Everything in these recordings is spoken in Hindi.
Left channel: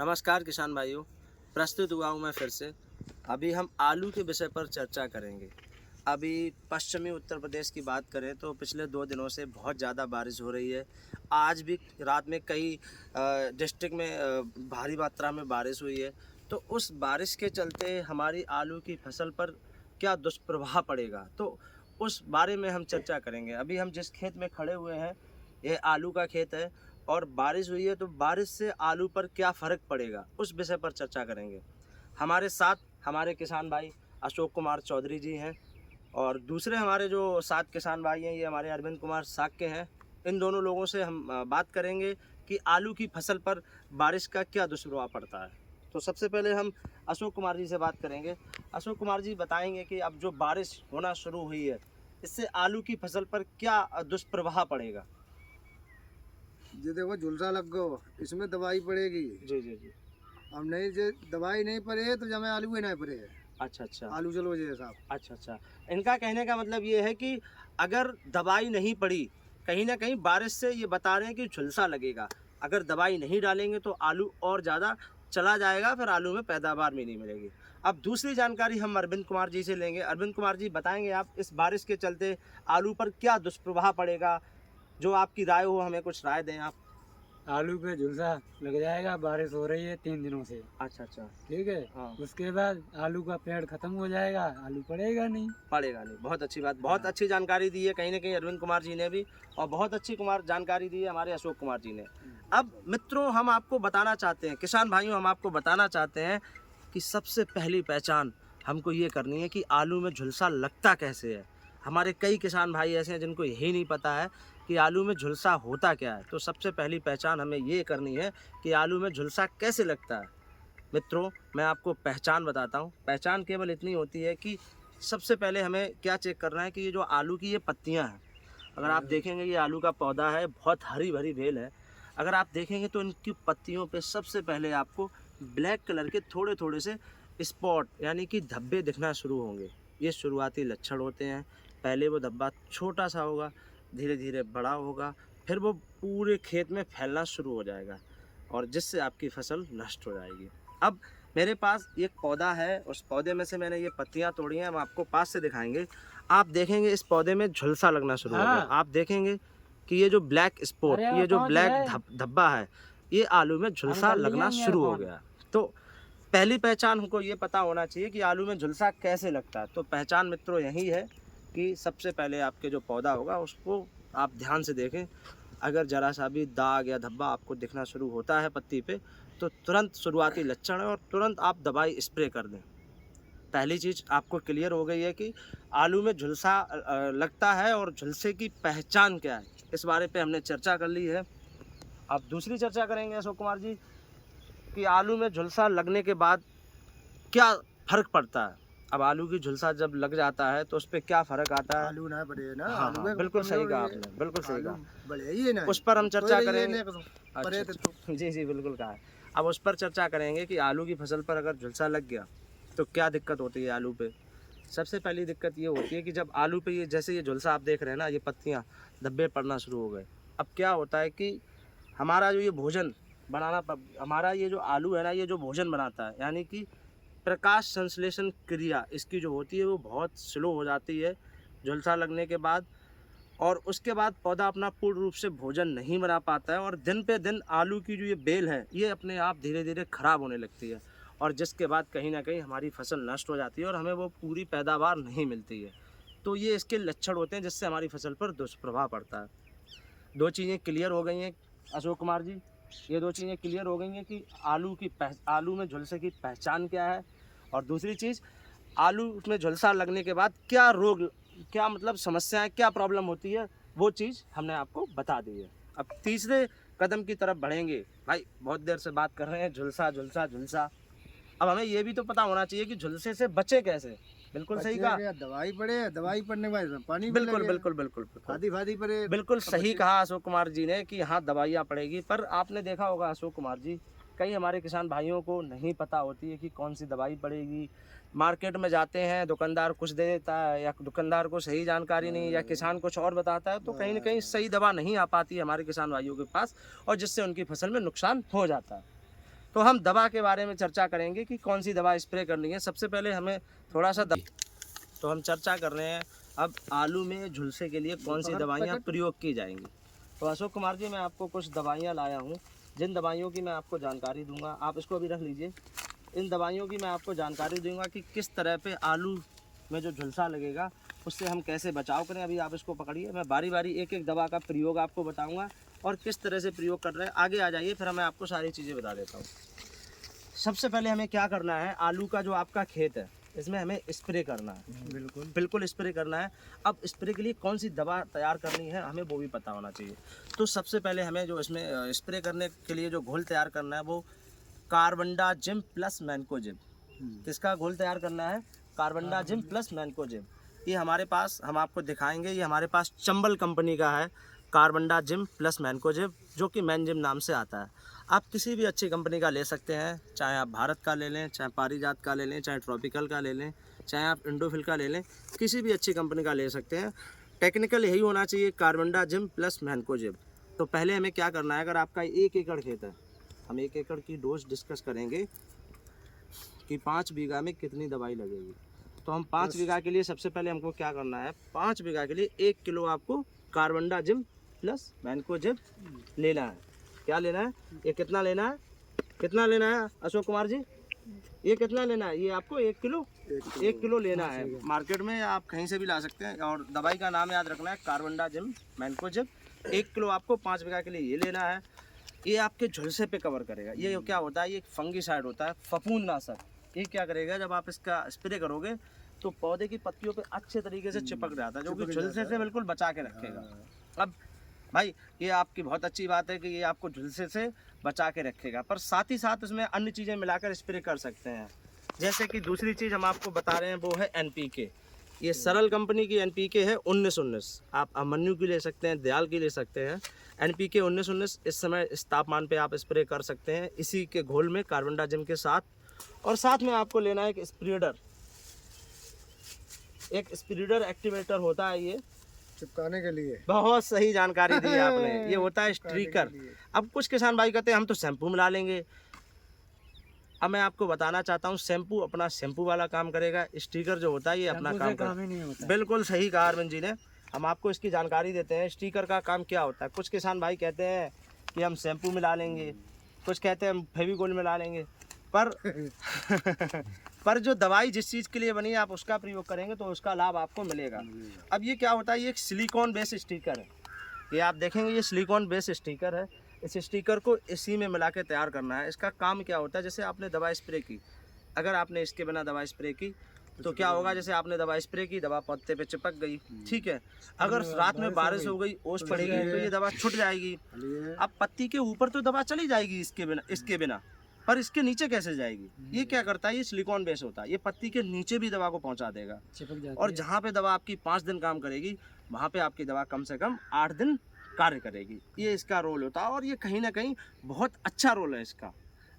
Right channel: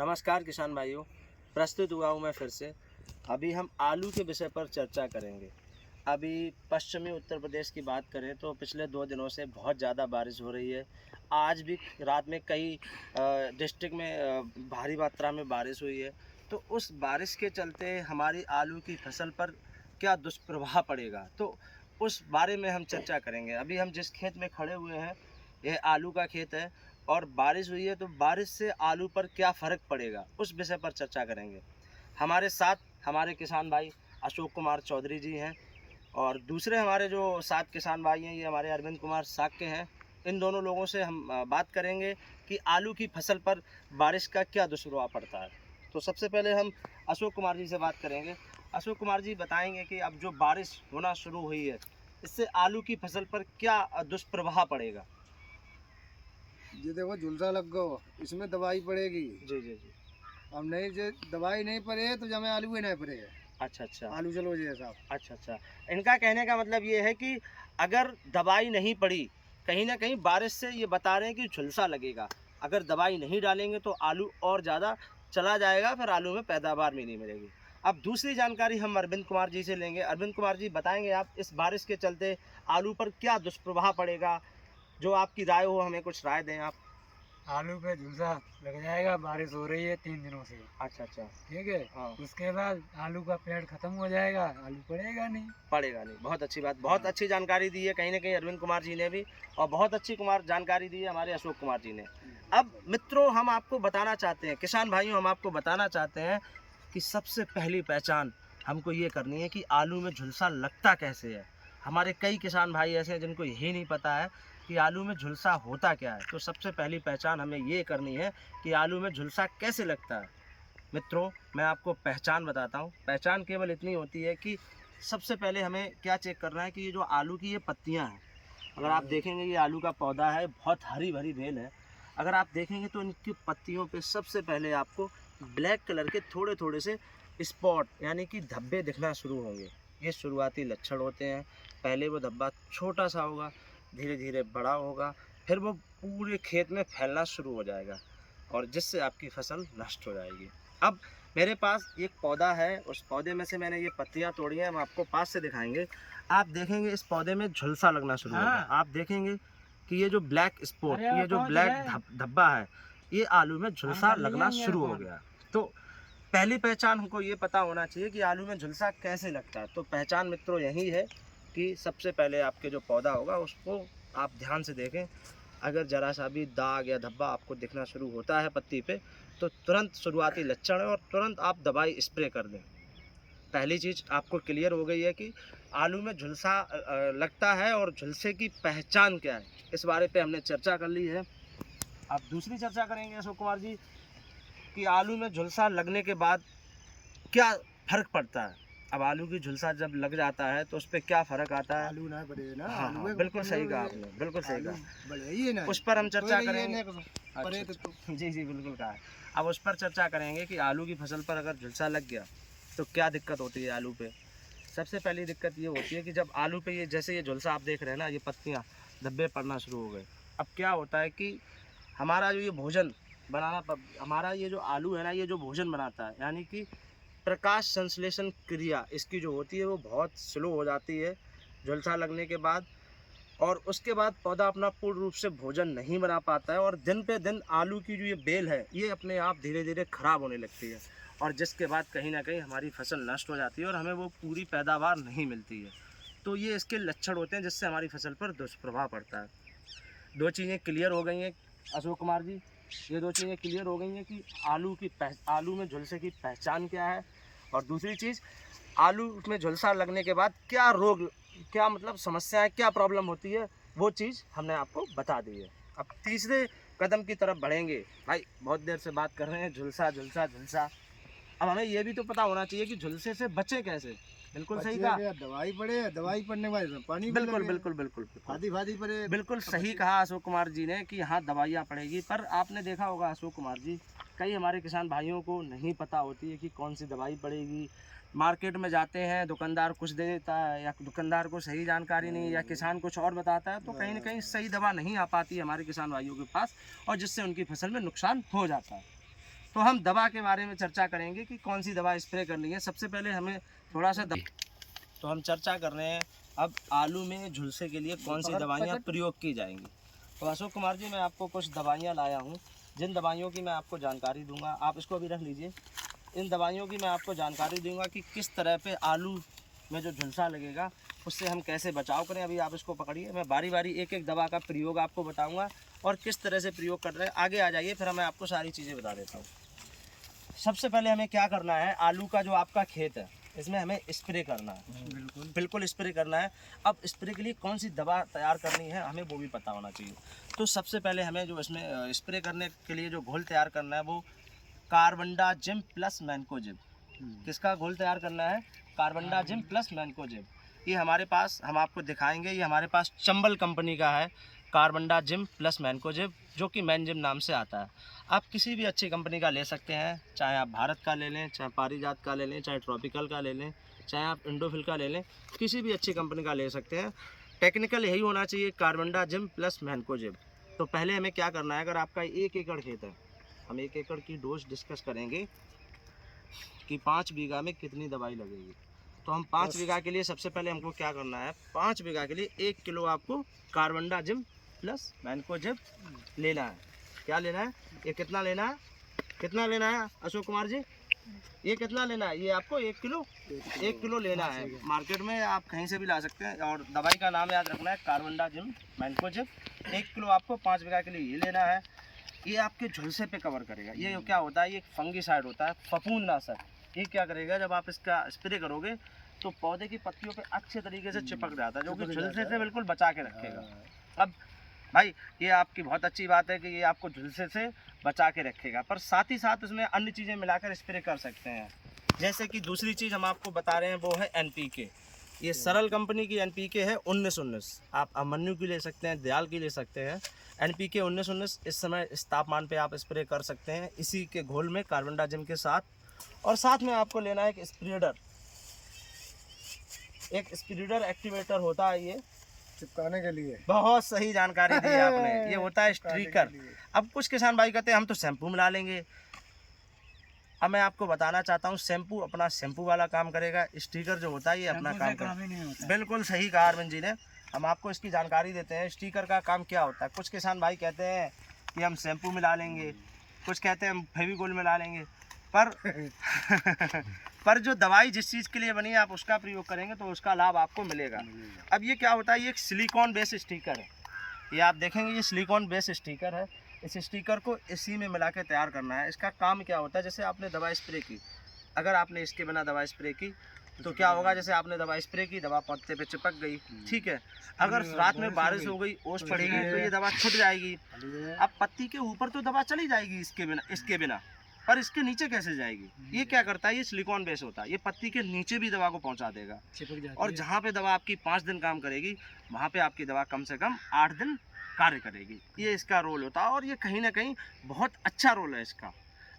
नमस्कार किसान भाइयों, प्रस्तुत हुआ हूँ मैं फिर से। अभी हम आलू के विषय पर चर्चा करेंगे। अभी पश्चिमी उत्तर प्रदेश की बात करें तो पिछले 2 दिनों से बहुत ज़्यादा बारिश हो रही है। आज भी रात में कई डिस्ट्रिक्ट में भारी मात्रा में बारिश हुई है। तो उस बारिश के चलते हमारी आलू की फसल पर क्या दुष्प्रभाव पड़ेगा, तो उस बारे में हम चर्चा करेंगे। अभी हम जिस खेत में खड़े हुए हैं, यह आलू का खेत है और बारिश हुई है, तो बारिश से आलू पर क्या फ़र्क पड़ेगा, उस विषय पर चर्चा करेंगे। हमारे साथ हमारे किसान भाई अशोक कुमार चौधरी जी हैं और दूसरे हमारे जो 7 किसान भाई हैं, ये हमारे अरविंद कुमार साक्य हैं। इन दोनों लोगों से हम बात करेंगे कि आलू की फसल पर बारिश का क्या दुष्प्रभाव पड़ता है। तो सबसे पहले हम अशोक कुमार जी से बात करेंगे। अशोक कुमार जी बताएंगे कि अब जो बारिश होना शुरू हुई है, इससे आलू की फसल पर क्या दुष्प्रभाव पड़ेगा। ये देखो झुलसा लग गो, इसमें दवाई पड़ेगी। जी जी जी। अब नहीं जे दवाई नहीं पड़े तो जमे आलू ही नहीं पड़े। अच्छा अच्छा। आलू चलो जी साहब। अच्छा अच्छा। इनका कहने का मतलब ये है कि अगर दवाई नहीं पड़ी, कहीं ना कहीं बारिश से ये बता रहे हैं कि झुलसा लगेगा। अगर दवाई नहीं डालेंगे तो आलू और ज़्यादा चला जाएगा, फिर आलू में पैदावार भी नहीं मिलेगी। अब दूसरी जानकारी हम अरविंद कुमार जी से लेंगे। अरविंद कुमार जी बताएंगे आप इस बारिश के चलते आलू पर क्या दुष्प्रभाव पड़ेगा, जो आपकी राय हो, हमें कुछ राय दें आप। आलू पे झुलसा लग जाएगा। बारिश हो रही है 3 दिनों से, अच्छा अच्छा। ठीक है। हाँ। उसके बाद आलू का पेड़ खत्म हो जाएगा, आलू पड़ेगा नहीं। पड़ेगा नहीं। बहुत अच्छी बात, बहुत अच्छी जानकारी दी है कहीं ना कहीं अरविंद कुमार जी ने भी, और बहुत अच्छी जानकारी दी है हमारे अशोक कुमार जी ने। अब मित्रों, हम आपको बताना चाहते हैं, किसान भाइयों, हम आपको बताना चाहते हैं कि सबसे पहली पहचान हमको ये करनी है कि आलू में झुलसा लगता कैसे है। हमारे कई किसान भाई ऐसे हैं जिनको यही नहीं पता है कि आलू में झुलसा होता क्या है। तो सबसे पहली पहचान हमें ये करनी है कि आलू में झुलसा कैसे लगता है। मित्रों, मैं आपको पहचान बताता हूँ। पहचान केवल इतनी होती है कि सबसे पहले हमें क्या चेक करना है कि ये जो आलू की ये पत्तियाँ हैं, अगर आप देखेंगे ये आलू का पौधा है, बहुत हरी भरी बेल है। अगर आप देखेंगे तो इनकी पत्तियों पे सबसे पहले आपको ब्लैक कलर के थोड़े थोड़े से स्पॉट यानी कि धब्बे दिखना शुरू होंगे। ये शुरुआती लक्षण होते हैं। पहले वो धब्बा छोटा सा होगा, धीरे धीरे बड़ा होगा, फिर वो पूरे खेत में फैलना शुरू हो जाएगा और जिससे आपकी फसल नष्ट हो जाएगी। अब मेरे पास एक पौधा है, उस पौधे में से मैंने ये पत्तियां तोड़ी हैं, हम आपको पास से दिखाएंगे। आप देखेंगे इस पौधे में झुलसा लगना शुरू हो गया। आप देखेंगे कि ये जो ब्लैक स्पॉट, ये जो ब्लैक धब्बा है, ये आलू में झुलसा लगना शुरू हो गया। तो पहली पहचान हमको ये पता होना चाहिए कि आलू में झुलसा कैसे लगता है। तो पहचान मित्रों यही है कि सबसे पहले आपके जो पौधा होगा उसको आप ध्यान से देखें। अगर ज़रा सा भी दाग या धब्बा आपको दिखना शुरू होता है पत्ती पे, तो तुरंत शुरुआती लक्षण है और तुरंत आप दवाई स्प्रे कर दें। पहली चीज़ आपको क्लियर हो गई है कि आलू में झुलसा लगता है और झुलसे की पहचान क्या है, इस बारे पे हमने चर्चा कर ली है। अब दूसरी चर्चा करेंगे अशोक कुमार जी कि आलू में झुलसा लगने के बाद क्या फ़र्क पड़ता है। अब आलू की झुलसा जब लग जाता है तो उस पर क्या फ़र्क आता है। आलू ना पड़े ना। हाँ आलू हाँ, बिल्कुल सही कहा आपने, बिल्कुल सही कहा। बढ़िया ही ना, उस पर हम चर्चा करेंगे। अच्छा, अच्छा। जी जी, बिल्कुल कहा है। अब उस पर चर्चा करेंगे कि आलू की फसल पर अगर झुलसा लग गया तो क्या दिक्कत होती है आलू पे। सबसे पहली दिक्कत ये होती है कि जब आलू पे ये जैसे ये झुलसा आप देख रहे हैं ना, ये पत्तियाँ धब्बे पड़ना शुरू हो गए। अब क्या होता है कि हमारा जो ये भोजन हमारा ये जो आलू है ना, ये जो भोजन बनाता है, यानी कि प्रकाश संश्लेषण क्रिया इसकी जो होती है वो बहुत स्लो हो जाती है झुलसा लगने के बाद, और उसके बाद पौधा अपना पूर्ण रूप से भोजन नहीं बना पाता है और दिन पे दिन आलू की जो ये बेल है ये अपने आप धीरे धीरे ख़राब होने लगती है, और जिसके बाद कहीं ना कहीं हमारी फसल नष्ट हो जाती है और हमें वो पूरी पैदावार नहीं मिलती है। तो ये इसके लक्षण होते हैं जिससे हमारी फसल पर दुष्प्रभाव पड़ता है। 2 चीज़ें क्लियर हो गई हैं अशोक कुमार जी, ये 2 चीज़ें क्लियर हो गई हैं कि आलू में झुलसे की पहचान क्या है, और दूसरी चीज़ आलू में झुलसा लगने के बाद क्या रोग, क्या मतलब समस्याएं, क्या प्रॉब्लम होती है, वो चीज़ हमने आपको बता दी है। अब तीसरे कदम की तरफ बढ़ेंगे। भाई बहुत देर से बात कर रहे हैं झुलसा झुलसा झुलसा, अब हमें ये भी तो पता होना चाहिए कि झुलसे से बचे कैसे। बिल्कुल सही कहा। दवाई पड़े, दवाई पड़ने के बाद पानी बिल्कुल बिल्कुल बिल्कुल फादी फादी पड़े। बिल्कुल सही कहा अशोक कुमार जी ने कि हाँ दवाइयाँ पड़ेगी, पर आपने देखा होगा अशोक कुमार जी, कई हमारे किसान भाइयों को नहीं पता होती है कि कौन सी दवाई पड़ेगी। मार्केट में जाते हैं, दुकानदार कुछ दे देता है या दुकानदार को सही जानकारी नहीं, या किसान कुछ और बताता है, तो कहीं ना कहीं सही दवा नहीं आ पाती है हमारे किसान भाइयों के पास, और जिससे उनकी फसल में नुकसान हो जाता है। तो हम दवा के बारे में चर्चा करेंगे कि कौन सी दवा स्प्रे करनी है। सबसे पहले हमें थोड़ा सा तो हम चर्चा कर रहे हैं अब आलू में झुलसे के लिए कौन सी दवाइयाँ प्रयोग की जाएंगी। तो अशोक कुमार जी, मैं आपको कुछ दवाइयाँ लाया हूँ, जिन दवाइयों की मैं आपको जानकारी दूंगा। आप इसको अभी रख लीजिए। इन दवाइयों की मैं आपको जानकारी दूंगा कि किस तरह पे आलू में जो झुलसा लगेगा उससे हम कैसे बचाव करें। अभी आप इसको पकड़िए, मैं बारी बारी एक एक दवा का प्रयोग आपको बताऊंगा और किस तरह से प्रयोग कर रहे हैं। आगे आ जाइए, फिर मैं आपको सारी चीज़ें बता देता हूँ। सबसे पहले हमें क्या करना है, आलू का जो आपका खेत है इसमें हमें स्प्रे करना है। बिल्कुल स्प्रे करना है। अब स्प्रे के लिए कौन सी दवा तैयार करनी है हमें वो भी पता होना चाहिए। तो सबसे पहले हमें जो इसमें स्प्रे करने के लिए जो घोल तैयार करना है वो कार्बनडाजिम प्लस मैनकोजेब। किसका घोल तैयार करना है? Carbendazim plus mancozeb. ये हमारे पास, हम आपको दिखाएंगे, ये हमारे पास चंबल कंपनी का है कार्बनडाजिम प्लस मैनकोजेब, जो कि मैनजिम नाम से आता है। आप किसी भी अच्छी कंपनी का ले सकते हैं, चाहे आप भारत का ले लें, चाहे पारिजात का ले लें, चाहे ट्रॉपिकल का ले लें, चाहे आप इंडोफिल का ले लें, किसी भी अच्छी कंपनी का ले सकते हैं। टेक्निकल यही होना चाहिए, कार्बनडाजिम प्लस मैनकोजेब। तो पहले हमें क्या करना है, अगर आपका 1 एकड़ खेत है, हम 1 एकड़ की डोज डिस्कस करेंगे कि 5 बीघा में कितनी दवाई लगेगी। तो हम 5 बीघा के लिए सबसे पहले हमको क्या करना है, 5 बीघा के लिए 1 किलो आपको कार्बनडाजिम प्लस मैनकोजेब लेना है। क्या लेना है? ये कितना लेना है? कितना लेना है अशोक कुमार जी? ये कितना लेना है? ये आपको 1 किलो 1 किलो लेना है। मार्केट में आप कहीं से भी ला सकते हैं। और दवाई का नाम याद रखना है, कार्बनडाजिम मैनकोजेब। 1 किलो आपको 5 बीघा के लिए ये लेना है। ये आपके झुलसे पे कवर करेगा। ये क्या होता है, ये फंगीसाइड होता है, फफूंदनाशक। ये क्या करेगा, जब आप इसका स्प्रे करोगे तो पौधे की पत्तियों पे अच्छे तरीके से चिपक जाता है, जो कि झुलसे से बिल्कुल बचा के रखेगा। अब भाई, ये आपकी बहुत अच्छी बात है कि ये आपको झुलसे से बचा के रखेगा, पर साथ ही साथ उसमें अन्य चीज़ें मिलाकर स्प्रे कर सकते हैं। जैसे कि दूसरी चीज़ हम आपको बता रहे हैं वो है NPK। ये सरल कंपनी की NPK है 1919। आप अमन्यु की ले सकते हैं, दयाल की ले सकते हैं। NPK 1919 इस समय इस तापमान पे आप स्प्रे कर सकते हैं, इसी के घोल में कार्बनडाजिम के साथ। और साथ में आपको लेना है एक स्प्रेडर। एक स्प्रेडर एक्टिवेटर होता है, ये चिपकाने के लिए। बहुत सही जानकारी दी है आपने। ये होता है स्ट्रीकर। अब कुछ किसान भाई कहते हैं हम तो शैम्पू मिला लेंगे। अब मैं आपको बताना चाहता हूँ, शैम्पू अपना शैम्पू वाला काम करेगा, स्टिकर जो होता है ये अपना काम करेगा। बिल्कुल सही कहा अरविंद जी ने। हम आपको इसकी जानकारी देते हैं, स्टिकर का काम क्या होता है। कुछ किसान भाई कहते हैं कि हम शैम्पू मिला लेंगे, कुछ कहते हैं हम फेविकोल मिला लेंगे, पर जो दवाई जिस चीज़ के लिए बनी है आप उसका प्रयोग करेंगे तो उसका लाभ आपको मिलेगा। अब ये क्या होता है, ये एक सिलिकॉन बेस स्टिकर है। ये आप देखेंगे, ये सिलिकॉन बेस स्टिकर है। इस स्टिकर को इसी में मिला के तैयार करना है। इसका काम क्या होता है, जैसे आपने दवा स्प्रे की, अगर आपने इसके बिना दवा स्प्रे की तो क्या होगा, जैसे आपने दवा स्प्रे की, दवा पत्ते पे चिपक गई, ठीक है। अगर रात में बारिश हो गई, ओस पड़ेगी तो ये दवा छूट जाएगी। अब पत्ती के ऊपर तो दवा चली जाएगी इसके बिना, पर इसके नीचे कैसे जाएगी? ये क्या करता है, ये सिलिकॉन बेस होता है, ये पत्ती के नीचे भी दवा को पहुंचा देगा। और जहाँ पे दवा आपकी 5 दिन काम करेगी, वहाँ पे आपकी दवा कम से कम 8 दिन कार्य करेगी। ये इसका रोल होता है और ये कहीं ना कहीं बहुत अच्छा रोल है इसका।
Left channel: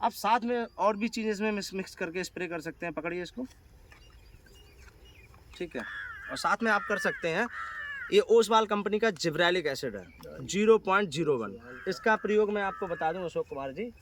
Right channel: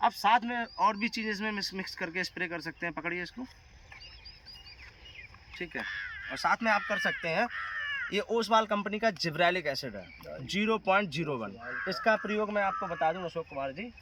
अब साथ में और भी चीज़ें इसमें मिक्स करके स्प्रे कर सकते हैं। पकड़िए इसको, ठीक है। और साथ में आप कर सकते हैं, ये ओसवाल कंपनी का जिब्रेलिक एसिड है 0.01। इसका प्रयोग मैं आपको बता दूं अशोक कुमार जी।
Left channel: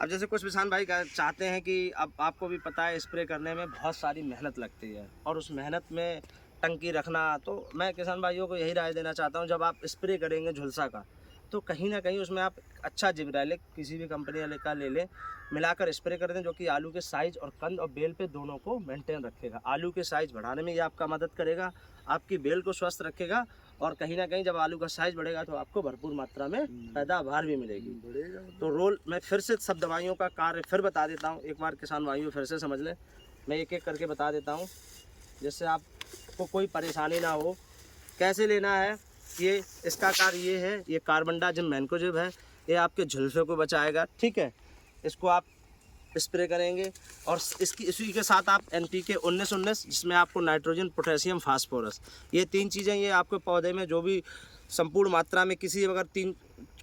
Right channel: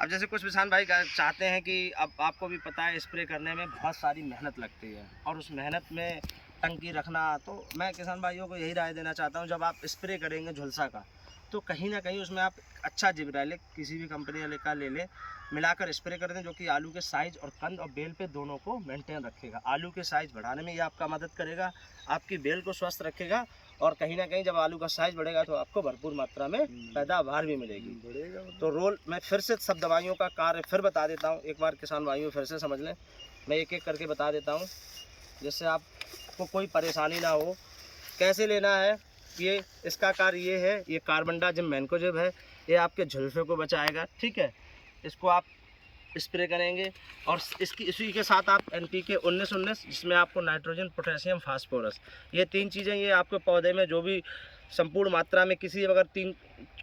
अब जैसे कुछ किसान भाई चाहते हैं कि अब आपको भी पता है स्प्रे करने में बहुत सारी मेहनत लगती है और उस मेहनत में टंकी रखना, तो मैं किसान भाइयों को यही राय देना चाहता हूं, जब आप स्प्रे करेंगे झुलसा का तो कहीं ना कहीं उसमें आप अच्छा जिब्रेलिक किसी भी कंपनी वाले का ले लें, मिलाकर स्प्रे कर दें, जो कि आलू के साइज़ और कंद और बेल पे दोनों को मेंटेन रखेगा। आलू के साइज़ बढ़ाने में ये आपका मदद करेगा, आपकी बेल को स्वस्थ रखेगा और कहीं ना कहीं जब आलू का साइज़ बढ़ेगा तो आपको भरपूर मात्रा में पैदावार भी मिलेगी। तो रोल मैं फिर से सब दवाइयों का कार्य फिर बता देता हूँ, एक बार किसान भाइयों फिर से समझ लें। मैं एक एक करके बता देता हूँ जिससे आपको कोई परेशानी ना हो। कैसे लेना है, ये इसका कार्य ये है, ये कार्बनडाजिम मैनकोजेब है, ये आपके झुलसे को बचाएगा, ठीक है। इसको आप स्प्रे करेंगे और इसी के साथ आप NPK 1919, जिसमें आपको नाइट्रोजन, पोटेशियम, फास्फोरस, ये 3 चीज़ें ये आपके पौधे में जो भी संपूर्ण मात्रा में किसी अगर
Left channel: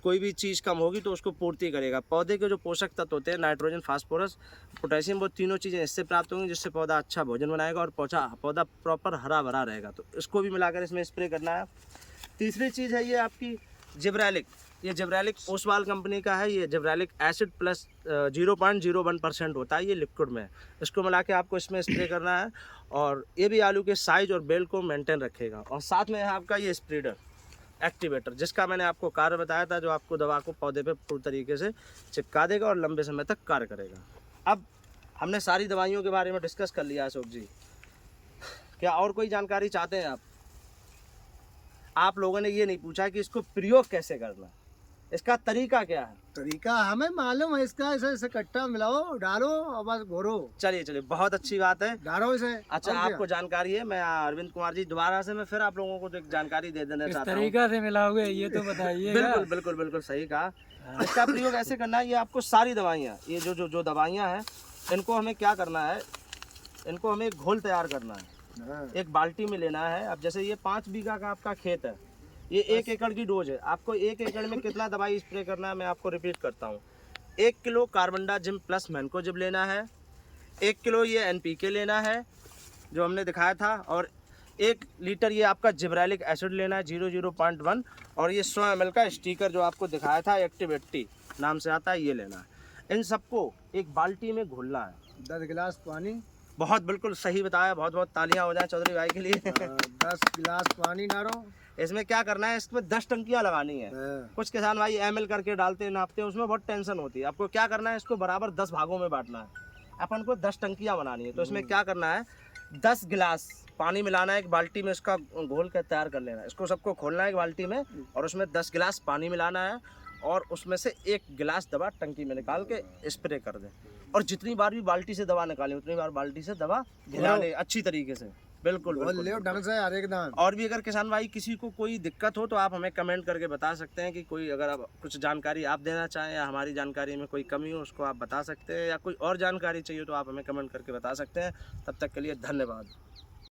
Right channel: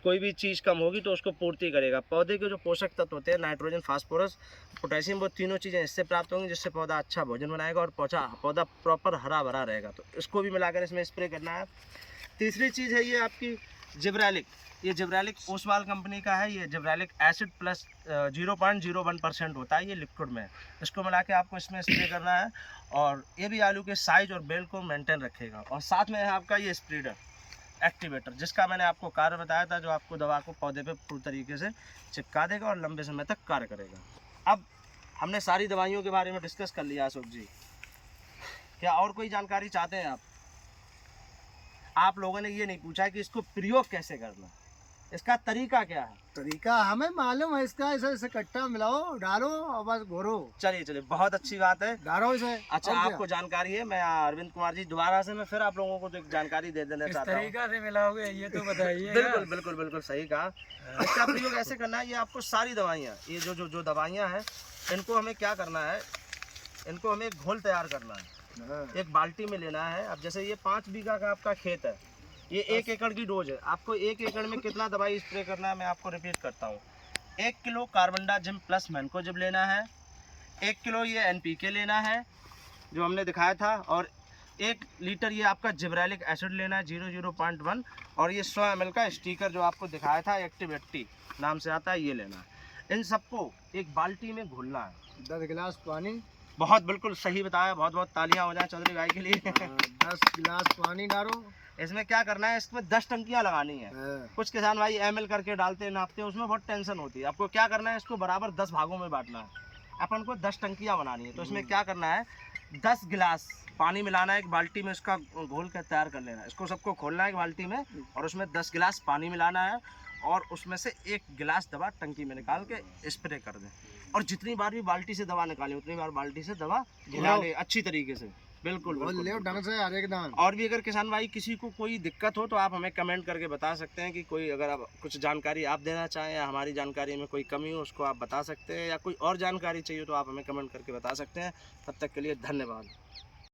कोई भी चीज़ कम होगी तो उसको पूर्ति करेगा। पौधे के जो पोषक तत्व होते हैं, नाइट्रोजन, फास्फोरस, पोटेशियम, वो तीनों चीज़ें इससे प्राप्त होंगी, जिससे पौधा अच्छा भोजन बनाएगा और पौधा प्रॉपर हरा भरा रहेगा। तो इसको भी मिलाकर इसमें स्प्रे करना है। तीसरी चीज़ है ये आपकी जिब्रेलिक। ये जिब्रेलिक ओसवाल कंपनी का है। ये जिब्रेलिक एसिड प्लस 0.01% होता है, ये लिक्विड में। इसको मिला के आपको इसमें स्प्रे करना है और ये भी आलू के साइज और बेल को मेंटेन रखेगा। और साथ में है आपका ये स्प्रेडर एक्टिवेटर, जिसका मैंने आपको कार्य बताया था, जो आपको दवा को पौधे पे पूरी तरीके से चिपका देगा और लंबे समय तक कार्य करेगा। अब हमने सारी दवाइयों के बारे में डिस्कस कर लिया अशोक जी, क्या और कोई जानकारी चाहते हैं आप लोगों ने ये नहीं पूछा कि इसको प्रयोग कैसे करना, इसका तरीका क्या है। तरीका हमें मालूम है इसका, ऐसे ऐसे कट्टा मिलाओ, डालो और बस घोरो। चलिए बहुत अच्छी बात है। डालो इसे। अच्छा, और क्या? आपको जानकारी है। मैं अरविंद कुमार जी दोबारा से मैं फिर आप लोगों को एक जानकारी दे देना किस चाहता हूँ। तरीका से मिलाओगे ये तो बताइए। बिल्कुल सही कहा। इसका प्रयोग ऐसे करना है, ये आपको सारी दवाइयाँ, ये जो दवाइयाँ हैं, इनको हमें क्या करना है, इनको हमें घोल तैयार करना है। हाँ। एक बाल्टी में लेना है। अब जैसे ये 5 बीघा का आपका खेत है, ये 1 एकड़ की डोज है। आपको 1 एकड़ में कितना दवाई स्प्रे करना है मैं आपको रिपीट करता हूँ। 1 किलो कार्बनडाजिम प्लस मैनकोजिब लेना है, 1 किलो ये NPK लेना है जो हमने दिखाया था, और 1 लीटर ये आपका जिब्रेलिक एसिड लेना है 0.1, और ये 100 ml का स्टिकर जो आपको दिखाया था एक्टिव 80 नाम से आता है, ये लेना है। इन सबको एक बाल्टी में घोलना है। 10 गिलास पानी। बहुत बिल्कुल सही बताया, बहुत तालियां हो जाए चौधरी भाई के लिए। 10 गिलास पानी डालो। इसमें क्या करना है, इसमें 10 टंकियां लगानी है। हाँ। कुछ किसान भाई ml करके डालते हैं, नापते हैं, उसमें बहुत टेंशन होती है। आपको क्या करना है, इसको बराबर 10 भागों में बांटना है। अपन को 10 टंकियां बनानी है। तो इसमें क्या करना है, 10 गिलास पानी मिलाना है एक बाल्टी में, इसका घोल कर तैयार कर लेना है। इसको सबको खोलना है एक बाल्टी में, और उसमें 10 गिलास पानी मिलाना है, और उसमें से 1 गिलास दवा टंकी में निकाल के स्प्रे कर दें। और जितनी बार भी बाल्टी से दवा निकालें उतनी बार बाल्टी से दवा घिरा लें अच्छी तरीके से। बिल्कुल बोल ले ढंग से हर एक दान। और भी अगर किसान भाई किसी को कोई दिक्कत हो तो आप हमें कमेंट करके बता सकते हैं कि कोई अगर आप कुछ जानकारी आप देना चाहें या हमारी जानकारी में कोई कमी हो उसको आप बता सकते हैं, या कोई और जानकारी चाहिए तो आप हमें कमेंट करके बता सकते हैं। तब तक के लिए धन्यवाद।